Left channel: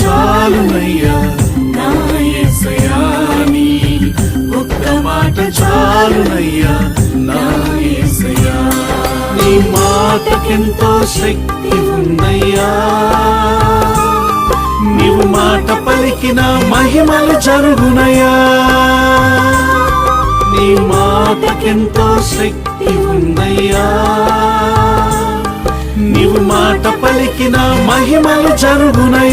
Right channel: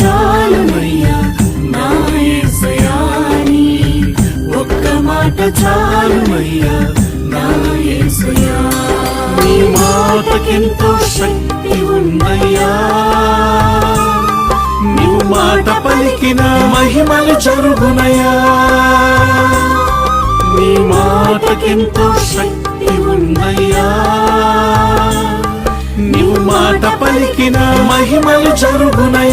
చాలునయ్యా నా యేసయ్యా నీ ఒక్క మాట చాలునయ్యా నా యేసయ్యా నీ మాటకెంతో శక్తి ఉన్నయ్యా నీవు మాట పలికిన మహిమలు జరుగునయ్యా నీ మాటకెంతో శక్తి ఉన్నయ్యా నీవు మాట పలికిన మహిమలు జరుగునయ్యా